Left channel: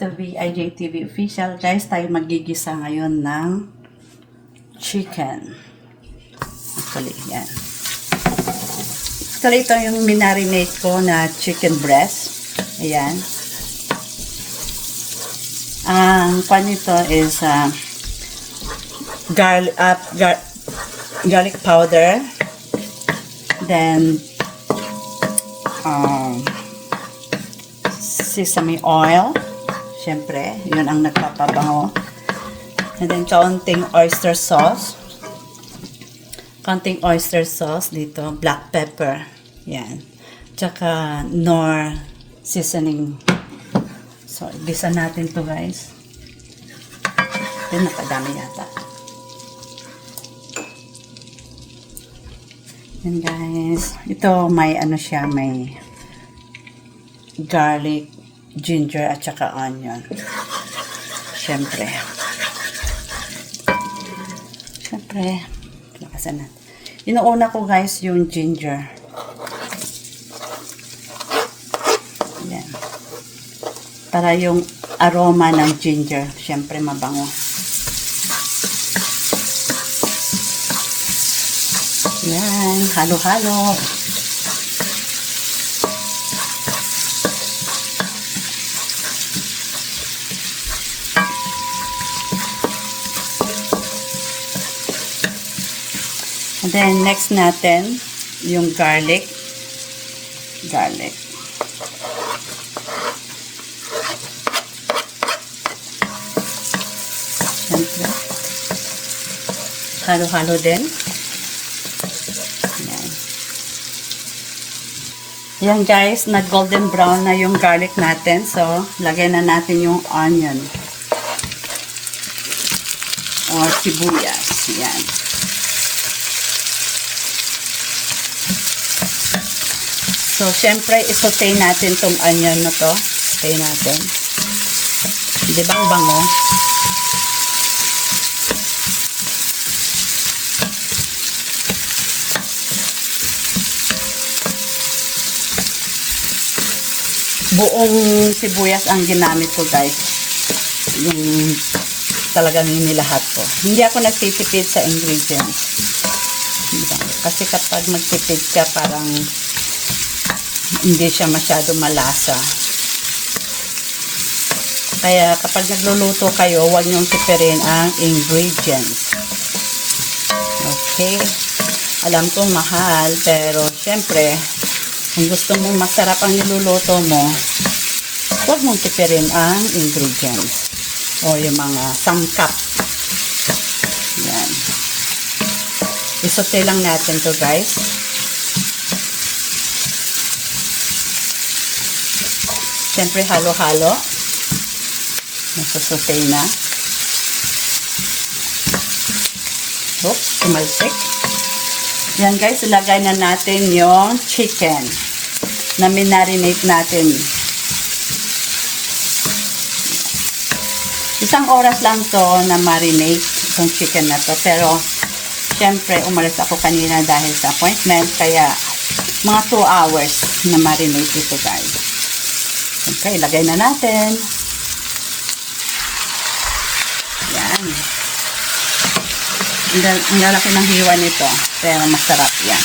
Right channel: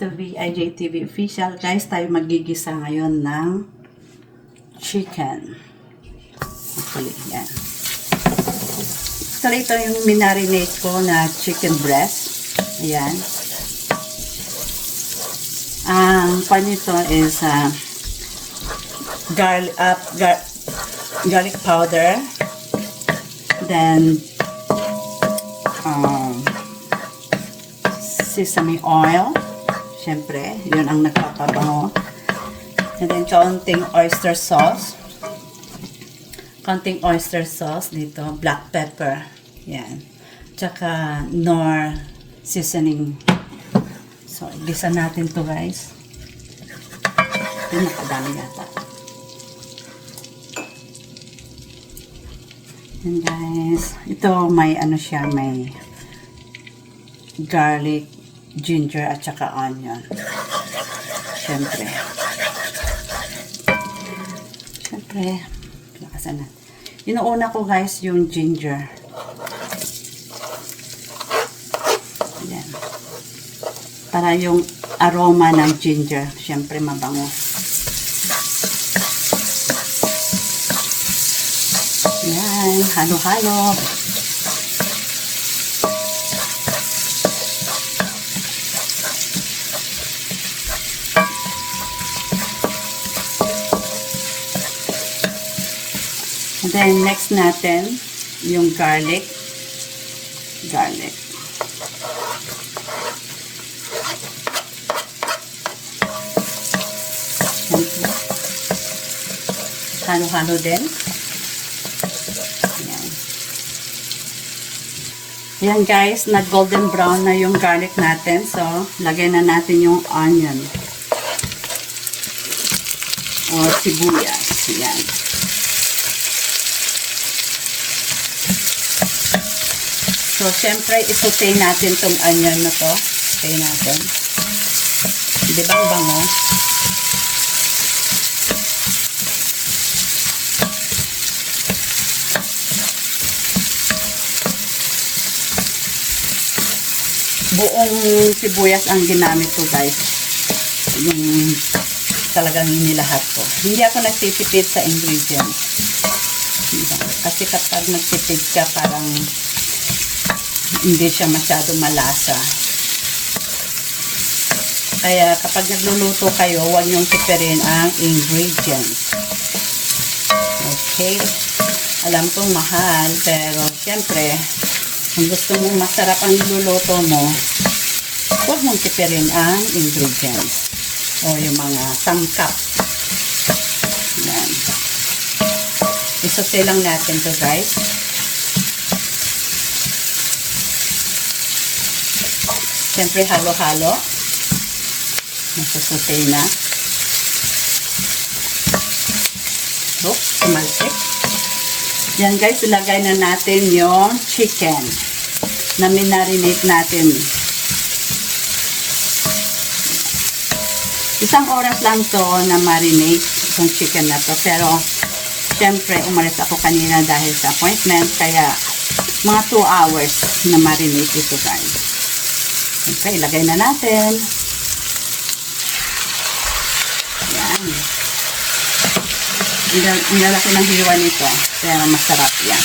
to be IJTV official. Guys, tayo magigisa ngayon ng chicken. Actually, yan. So, ito yung minarinate ko na chicken breast. Ayan. Ang pan nito is garlic powder. Then, sesame oil. Siyempre, yun ang nagpapabango. And then, kaunting oyster sauce. Kaunting oyster sauce dito. Black pepper. Yan. Tsaka, Knorr seasoning. So, igisa natin to guys. Yun, nakadami yata. Yan guys. Ito, may ano siya, may garlic, ginger, at saka onion. Siyempre. Lakasan natin. Inuuna ko guys yung ginger. Yan. Para yung aroma ng ginger, siyempre mabango. Yan. Halo-halo. And then, next natin, yung garlic. Halo-halo din. Yan guys, nag-golden brown na yung garlic natin. So, lagyan na natin yung onion. O sibuyas. Yan. So, syempre, isotay natin tong onion na to. Isotay natin. Di ba ang bango? Buong sibuyas ang ginamit ko guys. Yung talagang inilahat ko. Hindi ako nagtitipid sa ingredients. Kasi kapag nagtitipid ka parang hindi siya masyado malasa. Kaya kapag nagluluto kayo, huwag niyong tipirin ang ingredients. Okay. Alam kong mahal, pero syempre, kung gusto mong masarap ang niluluto mo, huwag mong tipirin ang ingredients o yung mga sangkap. Yan. Isote lang natin to guys. Siyempre halo-halo. Nasusote na. Oops, tumalsik. Yan guys, ilagay na natin yung chicken na minarinate natin. Isang oras lang to na marinate itong chicken na to. Pero, syempre, umalis ako kanina dahil sa appointment. Kaya, mga 2 hours na marinate ito guys. Okay, ilagay na natin. Yan. Ang lalaki ng hiwa nito. Kaya masarap yan.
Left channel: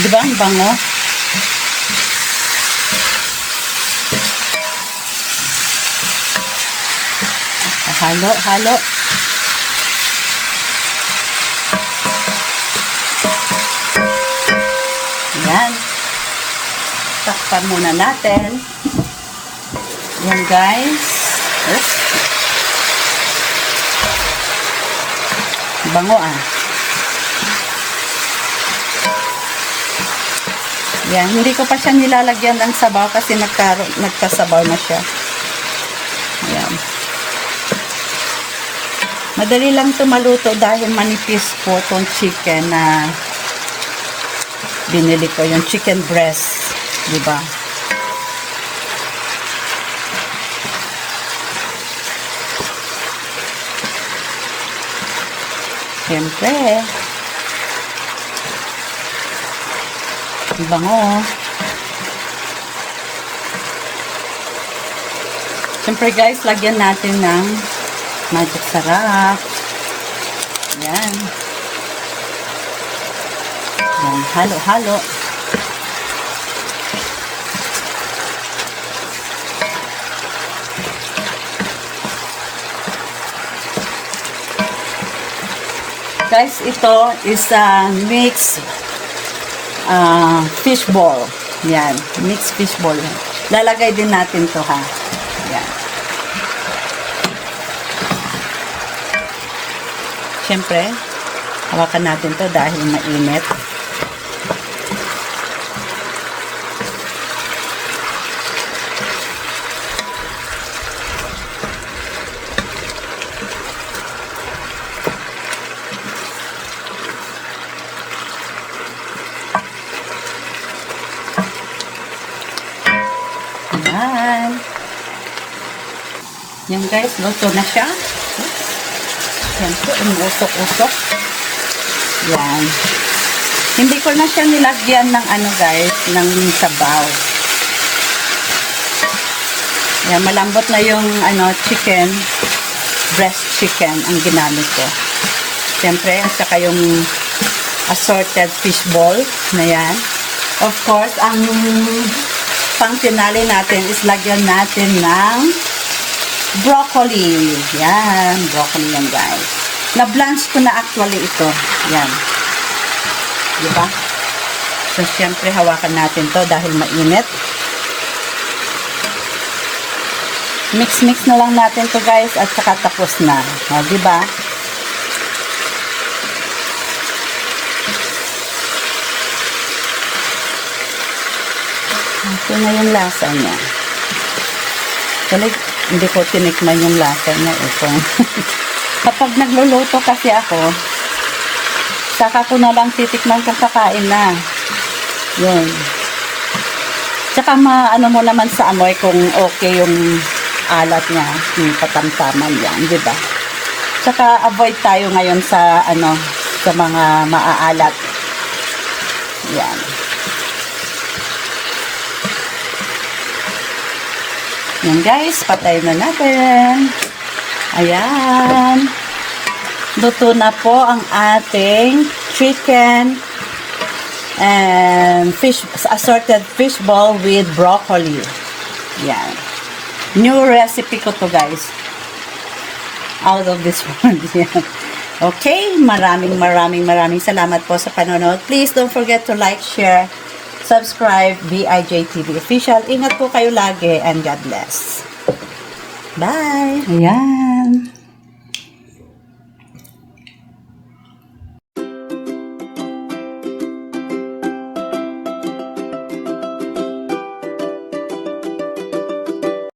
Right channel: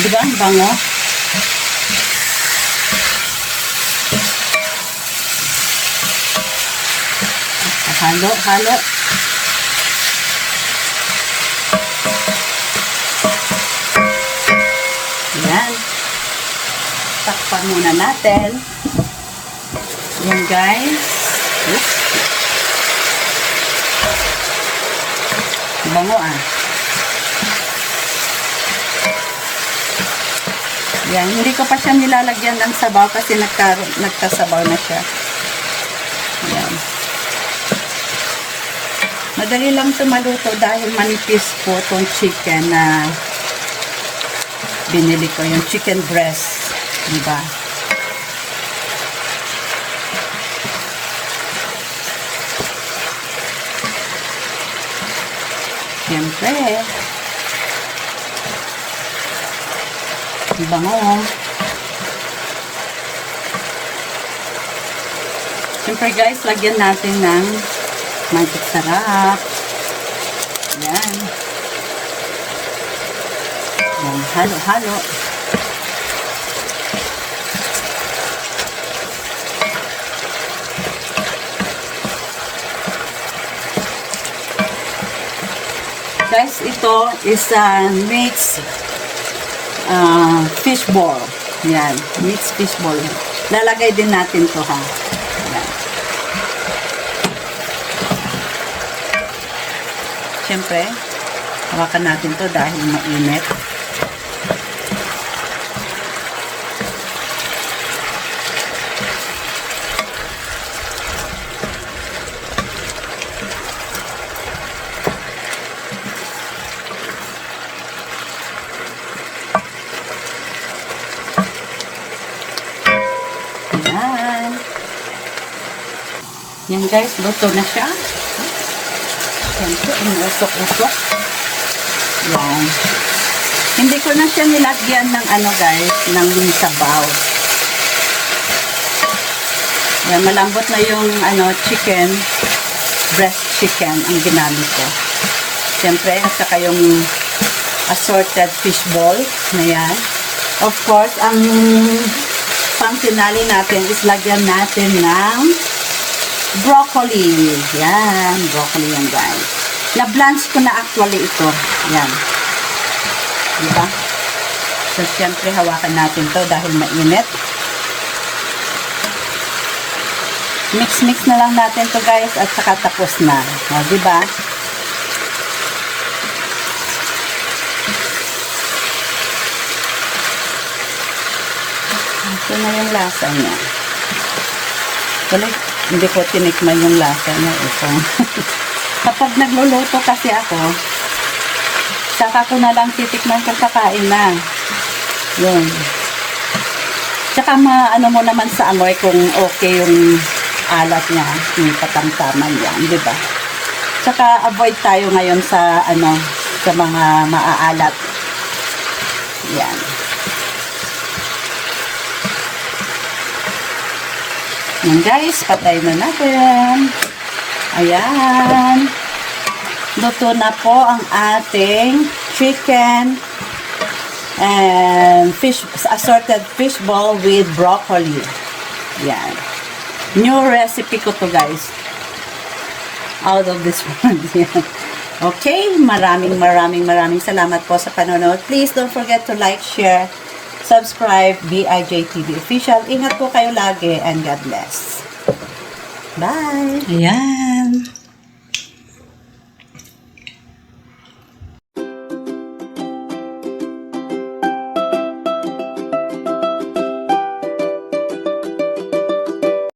Diba ang bango? Halo. Ayan. Takpan muna natin. Ayan guys. Oops. Bango ah. Ayan. Hindi ko pa siya nilalagyan ng sabaw kasi nagkasabaw na siya. Ayan. Madali lang ito maluto dahil manipis po itong chicken na binili ko, yung chicken breast, di ba? Siyempre, ang bango. Siyempre guys, lagyan natin ng magic sarap. Yan. Yan, halo-halo. Guys, ito is mixed fishball. Yan, mixed fishball. Lalagay din natin to ha. Yan. Siyempre, hawakan natin to dahil mainit. Yan guys, luto na siya. Siyempre, umusok-usok. Yan. Hindi ko na siya nilagyan ng ano guys, ng sabaw. Yan, malambot na yung chicken, breast chicken ang ginamit ko. Siyempre, at saka yung assorted fish ball na yan. Of course, ang pang-finale natin is lagyan natin ng broccoli. Yan, broccoli yan guys. Na-blanch ko na actually ito. Yan. Diba? So, siyempre, hawakan natin to dahil mainit. Mix-mix na lang natin to guys at saka tapos na. O, diba? Ito na yung lasa niya. Hindi ko tinikman yung lasa niya. Ito. Kapag nagluluto kasi ako, saka ko na lang titikman kung kakain na. Yun. Tsaka ano mo naman sa amoy kung okay yung alat niya, yung katamtaman yan, di ba? Tsaka avoid tayo ngayon sa sa mga maaalat. Yan. Yan guys, patay na natin. Ayan. Luto na po ang ating chicken and assorted fish ball with broccoli. Yan. New recipe ko to guys. Out of this one. Okay, maraming salamat po sa panonood. Please don't forget to like, share, subscribe, BIJTV Official. Ingat po kayo lagi and God bless. Bye! Ayan.